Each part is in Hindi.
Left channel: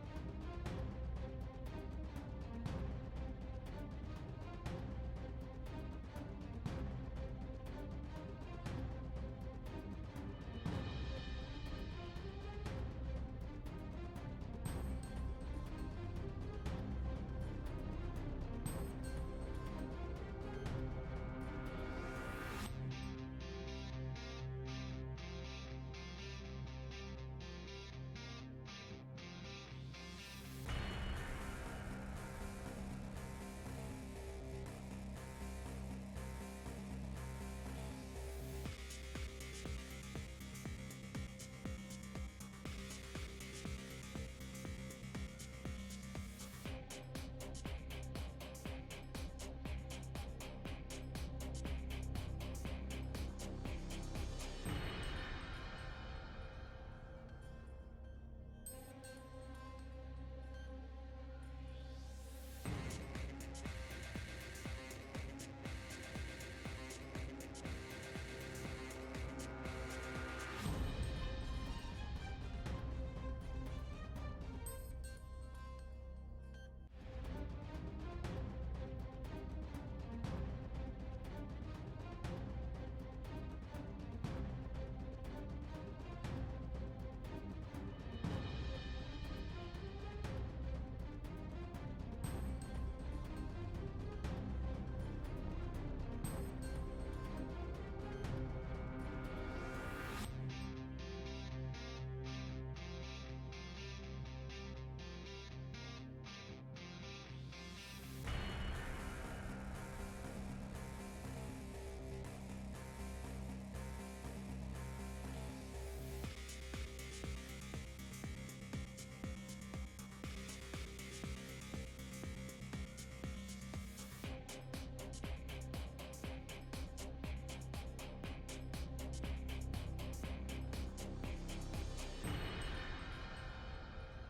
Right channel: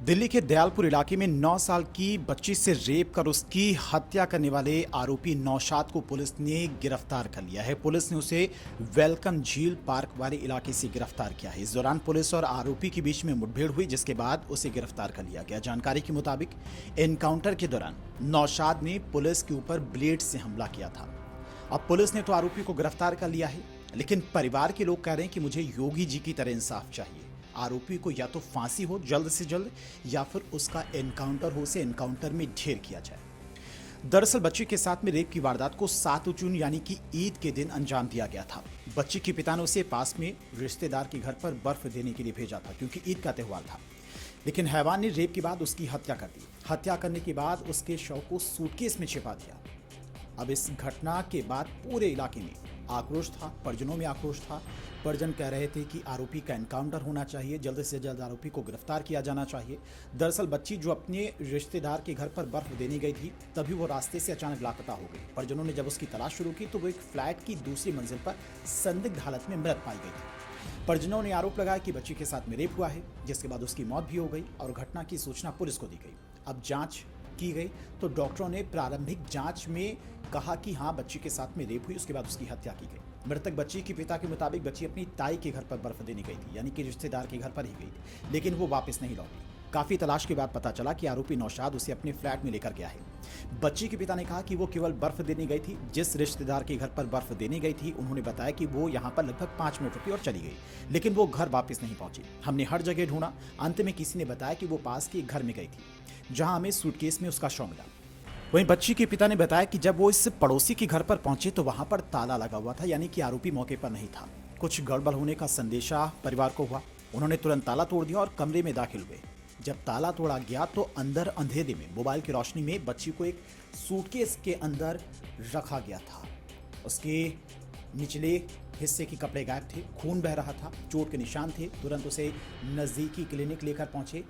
दिल्ली के दयालपुर इलाके में 9 साल की बच्ची से रेप कर उसकी हत्या करने वाले आरोपी नौशाद को पुलिस ने गिरफ्तार कर लिया है। पुलिस ने उसे वेलकम झील पार्क वाले इलाके से गिरफ्तार किया है। इस दौरान पुलिस और आरोपी के बीच में मुठभेड़ हुई, जिसके बाद उसे गिरफ्तार कर लिया गया। जानकारी के मुताबिक एनकाउंटर के दौरान नौशाद ने पुलिस के ऊपर ब्लेड से हमला किया था। अब पुलिस ने तो आरोपी को गिरफ्तार कर लिया है, लेकिन परिवार के लोग कह रहे हैं कि मुझे योगी जी की तरह इंसाफ चाहिए। आरोपी को या तो फांसी हो जल्द से जल्द, या फिर उसका एनकाउंटर हो, उसे एनकाउंटर में ढेर किया जाए। दरअसल बच्ची के साथ में रेप की वारदात को 7 जून यानी कि ईद के दिन अंजाम दिया गया था। बच्ची के पिता ने उसे पास में रिश्तेदार के घर पर बर्फ देने के लिए भेजा था, क्योंकि ईद का त्यौहार था। लेकिन हैवान ने रेप के बाद उसकी हत्या कर दी। हत्या करने के बाद उसके शव को सूटकेस में छिपा दिया। अब इस घटना के बाद पूरे इलाके में आक्रोश था, परिजनों में आक्रोश था। परिजन कह रहे थे कि आरोपी का एनकाउंटर होना चाहिए, जल्द से जल्द आरोपी को गिरफ्तार किया जाना चाहिए। दरअसल बच्ची जो अपने रिश्तेदार के घर पर बर्फ देने गई थी, तभी वो रास्ते से अचानक लापता हो गई। परिजनों ने जब उसकी तलाश शुरू की तो वो एक फ्लैट की दूसरी मंजिल पर संदिग्ध हालत में मृत पाई गई। परिजनों ने आरोप लगाया कि बच्ची के साथ में रेप हुआ है, जिसके बाद उसकी मौत भी हो गई और घटना की सूचना पुलिस को दी गई। अब जांच की गई तो डॉक्टरों ने प्रारंभिक जांच में कहा कि हाँ, बच्ची के साथ में रेप हुई, उसके बाद उसकी हत्या की गई। मृतक बच्ची के पिता के मुताबिक बच्ची अपनी ताई के घर पर बर्फ देने गई थी, यानी कि रिश्तेदार के घर पर ही गई थी, लेकिन वो वापस नहीं लौटी। काफी तलाश के बाद पता चला कि आरोपी नौशाद उसे अपने फ्लैट में लेकर गया है। बच्ची के पिता ने कहा कि वो केवल बर्फ देने गई थी। जिस रिश्तेदार के घर पर बर्फ देने गई थी, उन्होंने बताया कि वो यहाँ पर लगभग 5 मिनट रुकी और चली गई, लेकिन वो घर वापस नहीं पहुंची। हमने हर जगह ढूंढा, अंत में किसी ने बताया कि वो पास के घर में गई थी, जहां हमें सूटकेस में उसका शव मिला। वहीं बच्ची के पिता ने बताया कि जब वो इस पड़ोसी के घर पर पहुंचे तो वहां पर ताला लगा हुआ था, यानी कि आरोपी मौके पर नहीं था। कुछ गड़बड़ होने का संदेशा परिवार को हुआ। उन्होंने तुरंत ताला तोड़ दिया और कमरे में दाखिल हुए। जब ताला तोड़ा गया तो अंदर अंधेरे में मोबाइल की रोशनी में बच्ची को एक सूटकेस के अंदर रखा गया था। उसके निचले हिस्से के कपड़े गायब थे, खून बह रहा था, चोट के निशान थे। तुरंत उसे नज़दीकी क्लिनिक लेकर पहुंचे,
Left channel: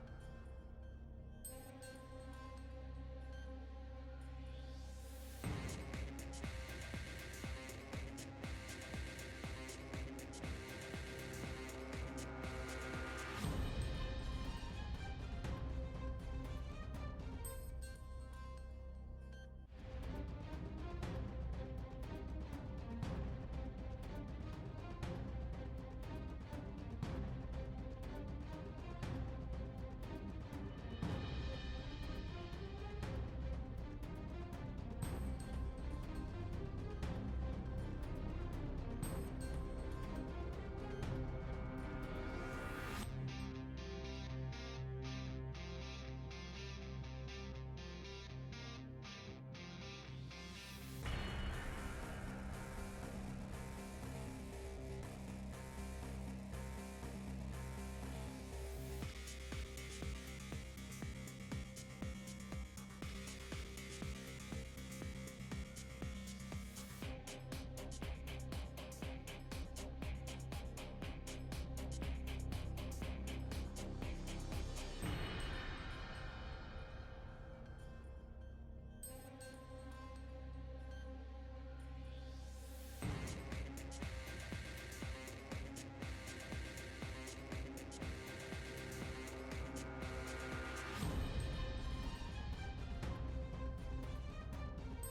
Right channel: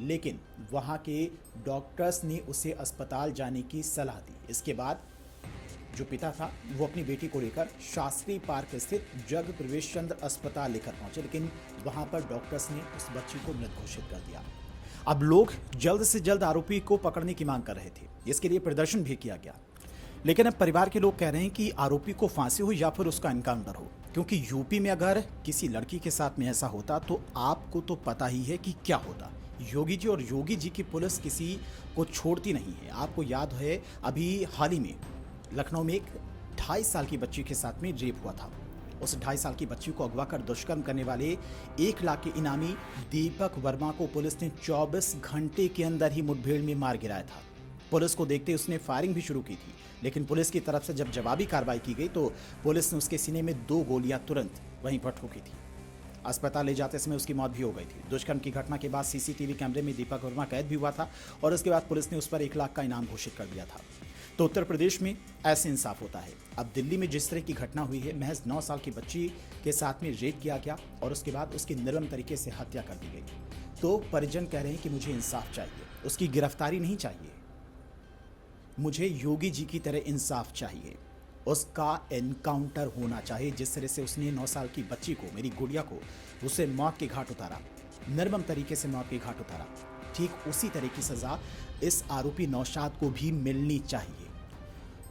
लेकिन वहां के डॉक्टर्स ने उसे अस्पताल जाने की सलाह दी। इसके बाद जो पिता था वो अपनी बेटी को लेकर शास्त्री पार्क स्थित जग प्रवेश चंद्र अस्पताल लेकर पहुंचे, लेकिन वहां पर डॉक्टर्स ने उस बच्ची को मृत घोषित कर दिया। अब लोग जल्द से जल्द आरोपी को पकड़ने की मांग कर रहे थे। इसके लिए प्रदर्शन भी किया गया, लेकिन अब परिवार के लोग कह रहे हैं कि आरोपी को फांसी हो या फिर उसका एनकाउंटर हो, क्योंकि यूपी में अगर किसी लड़की के साथ में ऐसा होता तो आपको तो पता ही है कि क्या होता। योगी जी और योगी जी की पुलिस किसी को छोड़ती नहीं है। आपको याद है, अभी हाल ही में लखनऊ में एक 2.5 साल की बच्ची के साथ में रेप हुआ था। उस 2.5 साल की बच्ची को अगवा कर दुष्कर्म करने वाले 1 लाख के इनामी दीपक वर्मा को पुलिस ने 24 घंटे के अंदर ही मुठभेड़ में मार गिराया था। पुलिस को देखते उसने फायरिंग भी शुरू की थी, लेकिन पुलिस की तरफ से जब जवाबी कार्रवाई की गई तो पुलिस ने उसके सीने में 2 गोलियां तुरंत वहीं पर ठोकी थी। अस्पताल ले जाते समय उसकी मौत भी हो गई थी। दुष्कर्म की घटना के बाद सीसीटीवी कैमरे में दीपक वर्मा कैद भी हुआ था और उसके बाद पुलिस ने उस पर 1 लाख का इनाम घोषित कर दिया था। तो उत्तर प्रदेश में ऐसे इंसाफ होता है। अब दिल्ली में जिस तरह की घटना हुई है, महज 9 साल की बच्ची के साथ में रेप किया गया और उसके बाद उसकी निर्मम तरीके से हत्या कर दी गई, तो परिजन कह रहे हैं कि मुझे इंसाफ चाहिए, उसकी गिरफ्तारी नहीं चाहिए, मुझे योगी जी की तरह इंसाफ चाहिए, उसका एनकाउंटर होना चाहिए। जिस तरह से उसने 9 साल की बच्ची को, मेरी गुड़िया को, उसे मौत के घाट उतारा, निर्मम तरीके से मौत के घाट उतारा, ठीक उसी तरह की सजा इस आरोपी नौशाद को भी मिलनी चाहिए।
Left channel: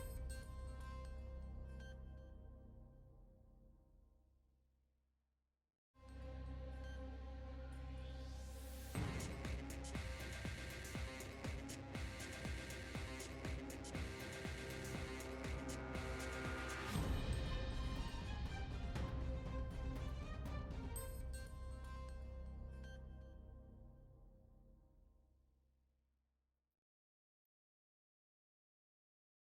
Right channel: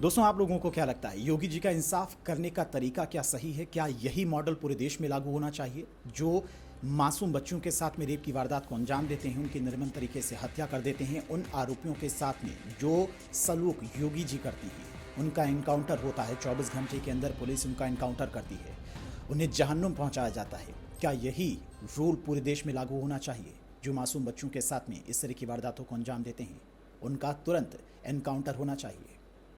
दोस्तों, आप लोगों को क्या लगता है, योगी जी का इंसाफ करने का तरीका क्या सही है? क्या यही मॉडल पूरे देश में लागू होना चाहिए? जो मासूम बच्चों के साथ में रेप की वारदात को अंजाम देते हैं, उनकी निर्मम तरीके से हत्या कर देते हैं, उन आरोपियों के साथ में जो सलूक योगी जी करती है, उनका एनकाउंटर होता है, 24 घंटे के अंदर पुलिस उनका एनकाउंटर करती है, उन्हें जहन्नुम पहुंचाया जाता है। क्या यही रूल पूरे देश में लागू होना चाहिए? जो मासूम बच्चों के साथ में इस तरह की वारदातों को अंजाम देते हैं, उनका तुरंत एनकाउंटर होना चाहिए।